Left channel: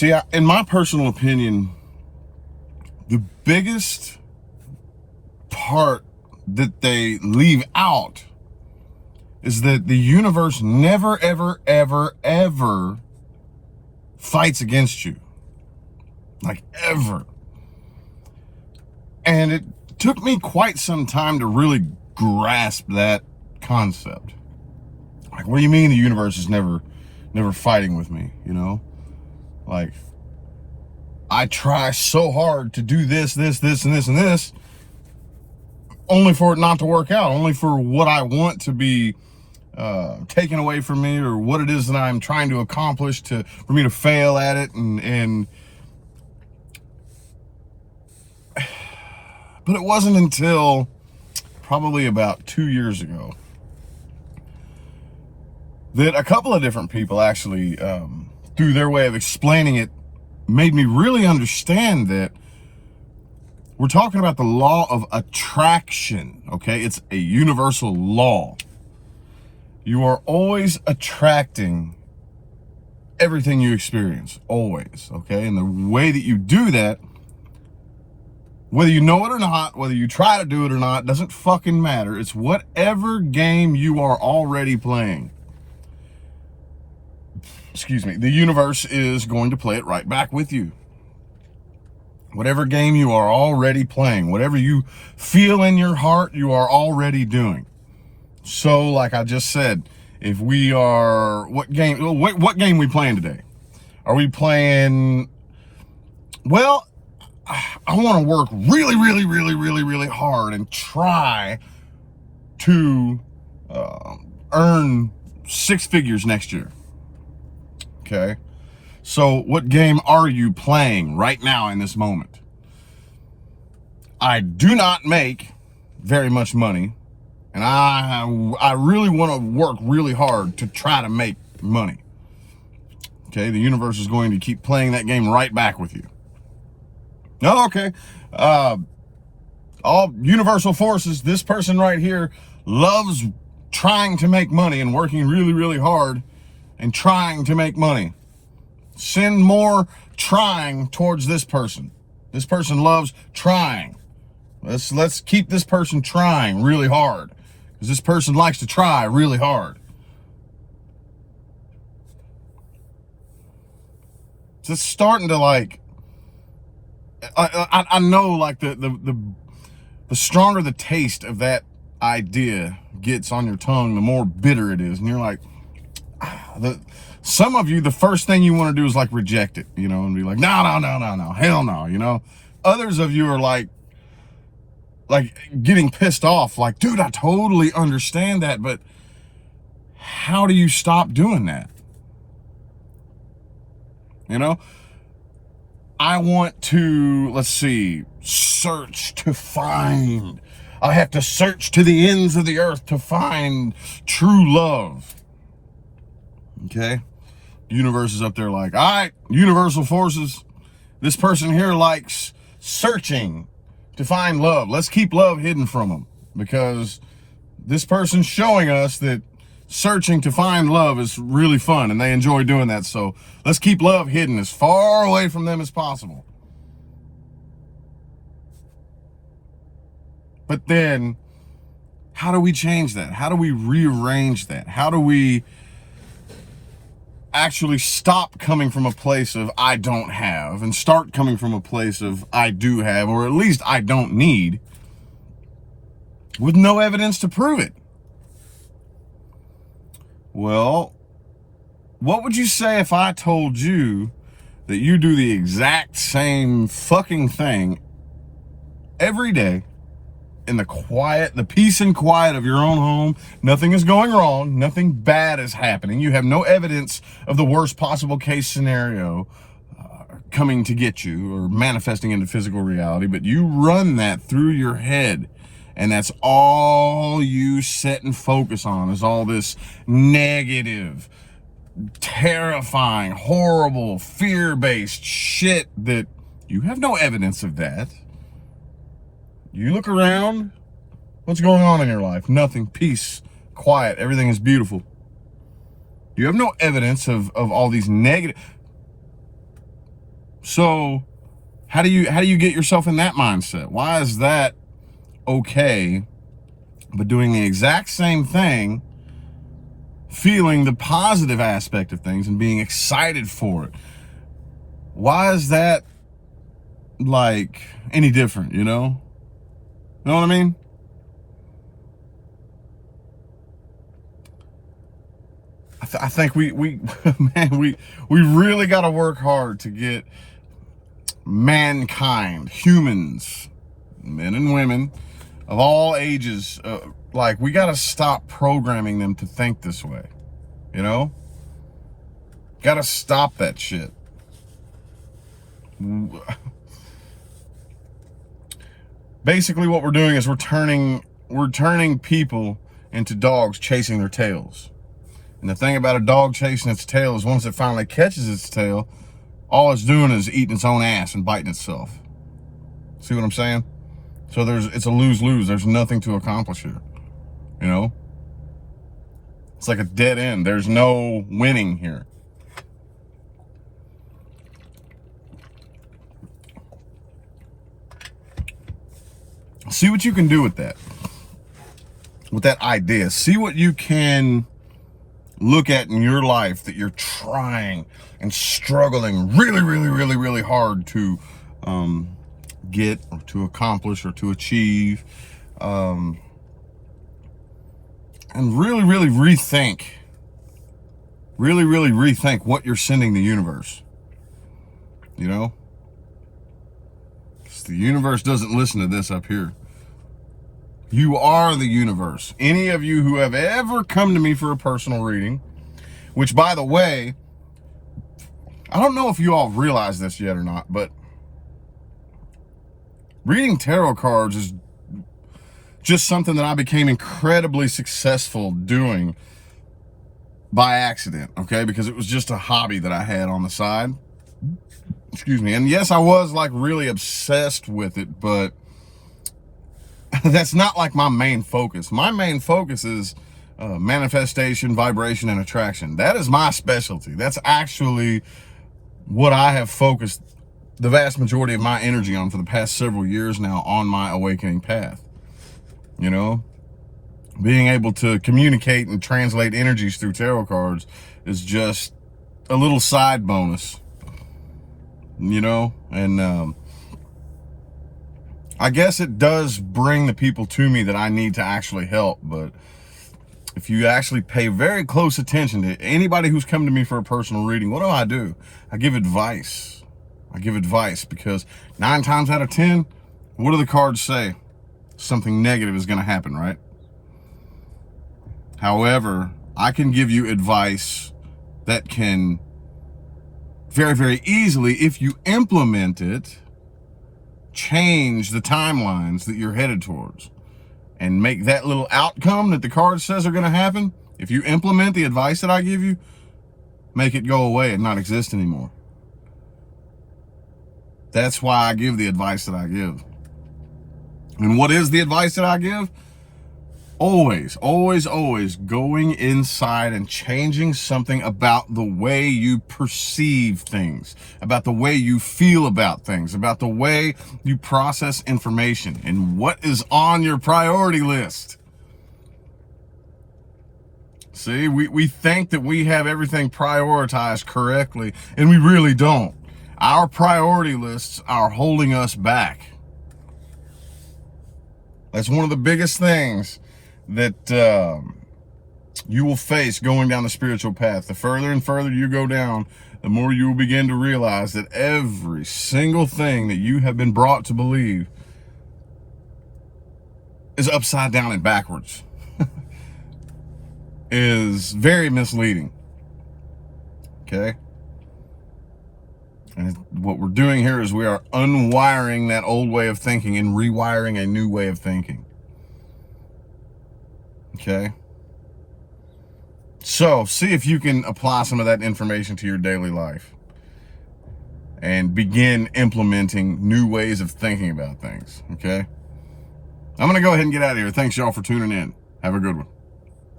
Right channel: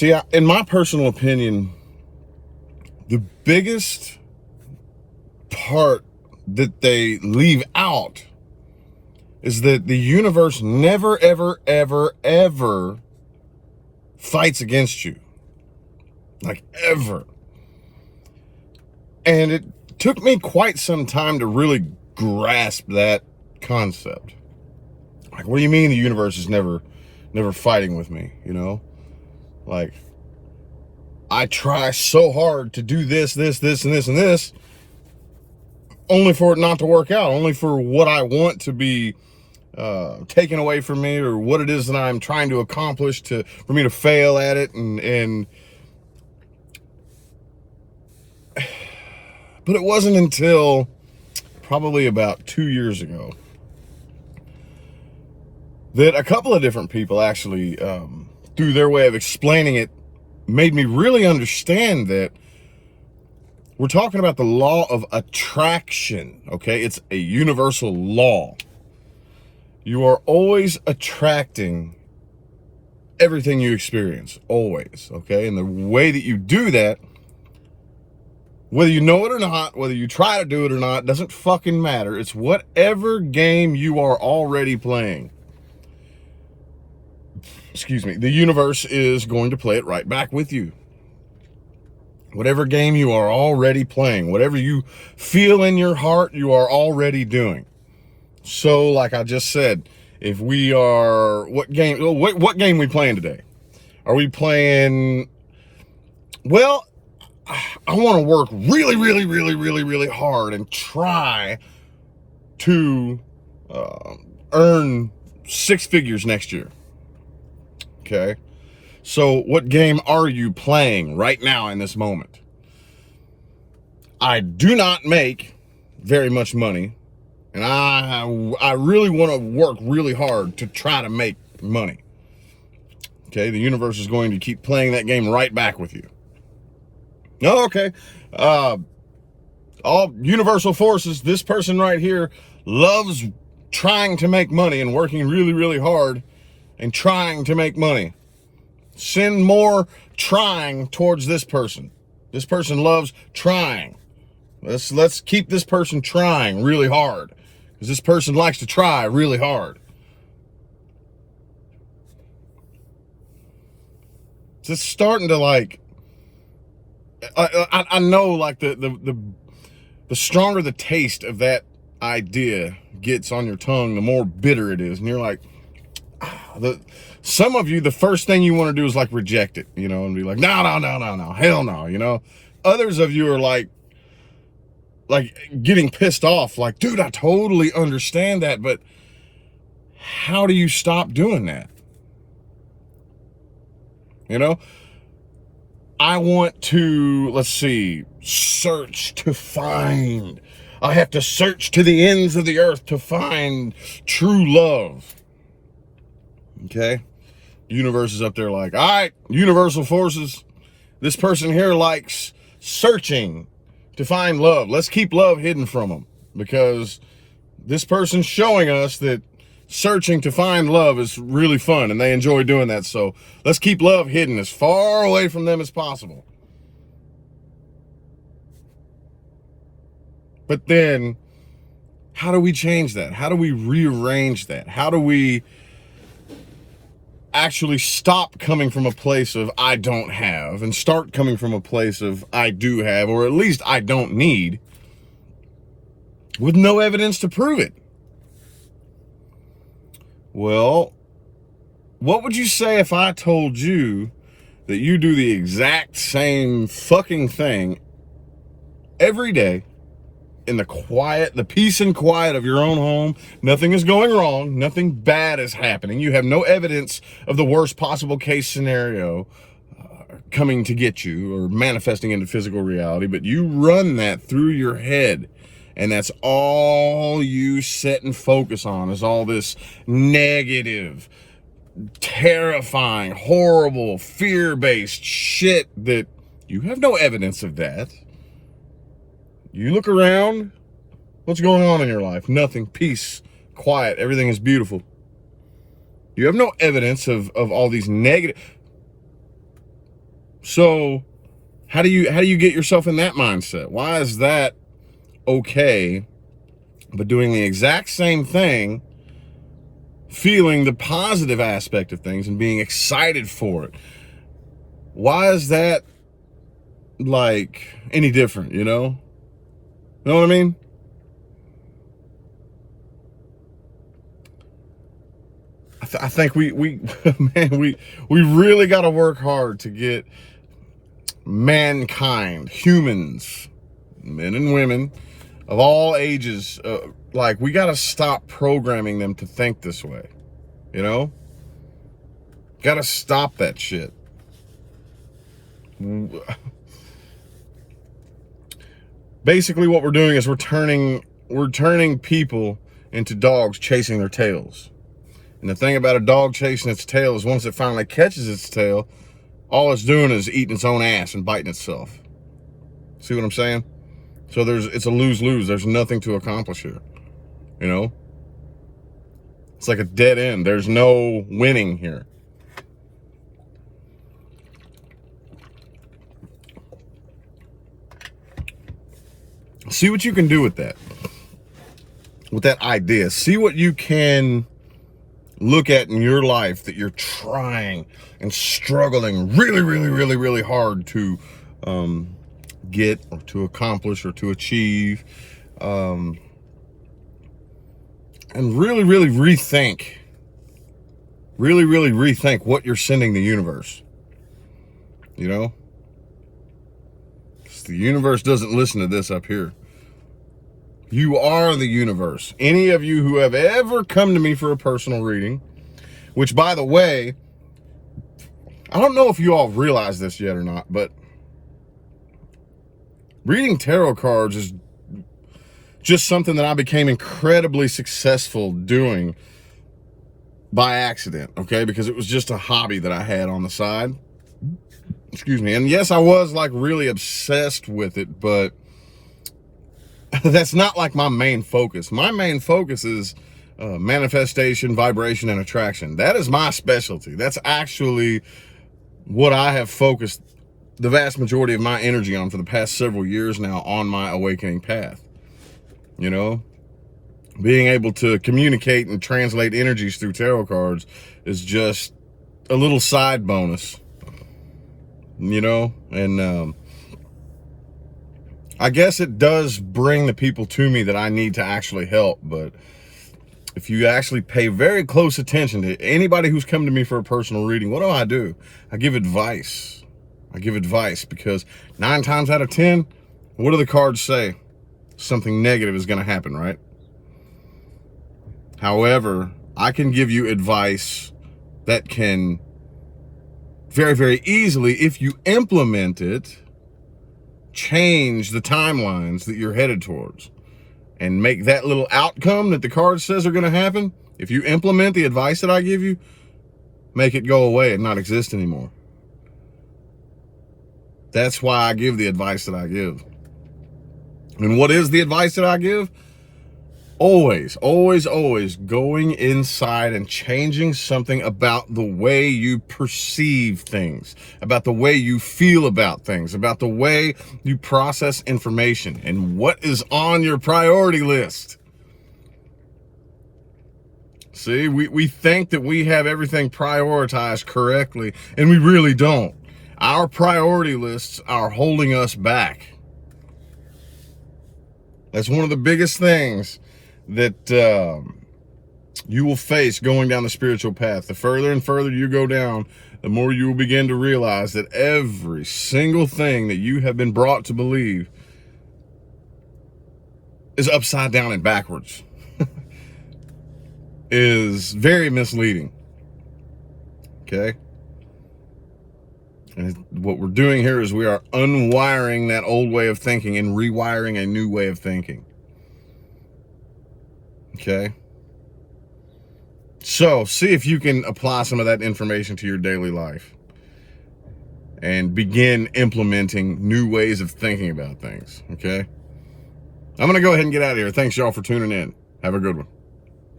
See, in my personal opinion, the biggest part that they leave out is that the universe never, ever, ever, ever fights against you. Like, ever. And it took me quite some time to really grasp that concept. Like, what do you mean the universe is never fighting with me, you know? Like, I try so hard to do this, and this, only for it not to work out, only for what I want to be taken away from me, or what it is that I'm trying to accomplish for me to fail at it. But it wasn't until probably about 2 years ago that a couple of different people actually, through their way of explaining it, made me really understand that we're talking about the law of attraction, okay? It's a universal law. You are always attracting everything you experience, always, okay? And the way that you do that, whether you know it or not, whether you try to do it or not, doesn't fucking matter. It's whatever game you are already playing. Excuse me. The universe is going to play it right back with you. Whatever game you are already playing, whatever you feel in your heart, you are already doing. So, like I just said, if we are, what game we playing today? Are we playing, well, I want to work really, really, really, really, really hard and try to earn six figures next year. Okay. So what game are you playing right now in this moment? I do not make very much money, and I really want to work really hard to try to make money. Okay, the universe is going to keep playing that game right back with you. Oh, okay. All universal forces, this person right here loves trying to make money and working really, really hard and trying to make money. Send more trying towards this person. This person loves trying. Let's keep this person trying really hard, because this person likes to try really hard. So it's starting to, like, I know, like, the stronger the taste of that idea gets on your tongue, the more bitter it is. And you're like, some of you, the first thing you want to do is, like, reject it, you know, and be like, no, hell no, you know. Others of you are like getting pissed off, like, dude, I totally understand that, but how do you stop doing that? You know, I want to, let's see, search to find. I have to search to the ends of the earth to find true love. Okay? The universe is up there like, all right, universal forces, this person here likes searching to find love. Let's keep love hidden from them, because this person's showing us that searching to find love is really fun and they enjoy doing that. So let's keep love hidden as far away from them as possible. But then, how do we change that? How do we rearrange that? How do we actually stop coming from a place of I don't have and start coming from a place of I do have, or at least I don't need, with no evidence to prove it? Well, what would you say if I told you that you do the exact same fucking thing every day in the quiet, the peace and quiet of your own home? Nothing is going wrong. Nothing bad is happening. You have no evidence of the worst possible case scenario coming to get you or manifesting into physical reality, but you run that through your head. And that's all you sit and focus on, is all this negative, terrifying, horrible, fear-based shit that you have no evidence of that. You look around, what's going on in your life? Nothing. Peace, quiet, everything is beautiful. You have no evidence of all these negative. So how do you get yourself in that mindset? Why is that okay? But doing the exact same thing, feeling the positive aspect of things and being excited for it. Why is that like any different, you know? You know what I mean? I think we man, we really got to work hard to get mankind, humans, men and women of all ages, like we got to stop programming them to think this way, you know? Got to stop that shit. Basically what we're doing is we're turning people into dogs chasing their tails. And the thing about a dog chasing its tail is once it finally catches its tail, all it's doing is eating its own ass and biting itself. See what I'm saying? So it's a lose-lose. There's nothing to accomplish here, you know? It's like a dead end. There's no winning here. See what you can do with that idea. See what you can look at in your life that you're trying and struggling really hard to get or to accomplish or to achieve, and really rethink what you're sending the universe, you know? 'Cause the universe doesn't listen to this up here. You are the universe. Any of you who have ever come to me for a personal reading, which, by the way, I don't know if you all realize this yet or not, but reading tarot cards is just something that I became incredibly successful doing by accident, okay? Because it was just a hobby that I had on the side. Excuse me. And yes, I was like really obsessed with it, but that's not like my main focus. My main focus is manifestation, vibration, and attraction. That is my specialty. That's actually what I have focused the vast majority of my energy on for the past several years now on my awakening path. You know, being able to communicate and translate energies through tarot cards is just a little side bonus, you know, and I guess it does bring the people to me that I need to actually help. But if you actually pay very close attention to anybody who's come to me for a personal reading, what do? I give advice. I give advice because 9 times out of 10, what do the cards say? Something negative is going to happen, right? However, I can give you advice that can very easily, if you implement it, change the timelines that you're headed towards and make that little outcome that the card says are going to happen. If you implement the advice that I give you, make it go away and not exist anymore. That's why I give the advice that I give. And what is the advice that I give? Always going inside and changing something about the way you perceive things, about the way you feel about things, about the way you process information, and what is on your priority list. See, we think that we have everything prioritized correctly, and we really don't. Our priority lists are holding us back. That's one of the biggest things that you will face going down the spiritual path. The further and further you go down, the more you will begin to realize that every single thing that you have been brought to believe is upside down and backwards. Is very misleading. Okay? And what we're doing here is we are unwiring that old way of thinking and rewiring a new way of thinking. Okay? So, see if you can apply some of that information to your daily life and begin implementing new ways of thinking about things. Okay? I'm going to go ahead and get out of here. Thanks, y'all, for tuning in. Have a good one.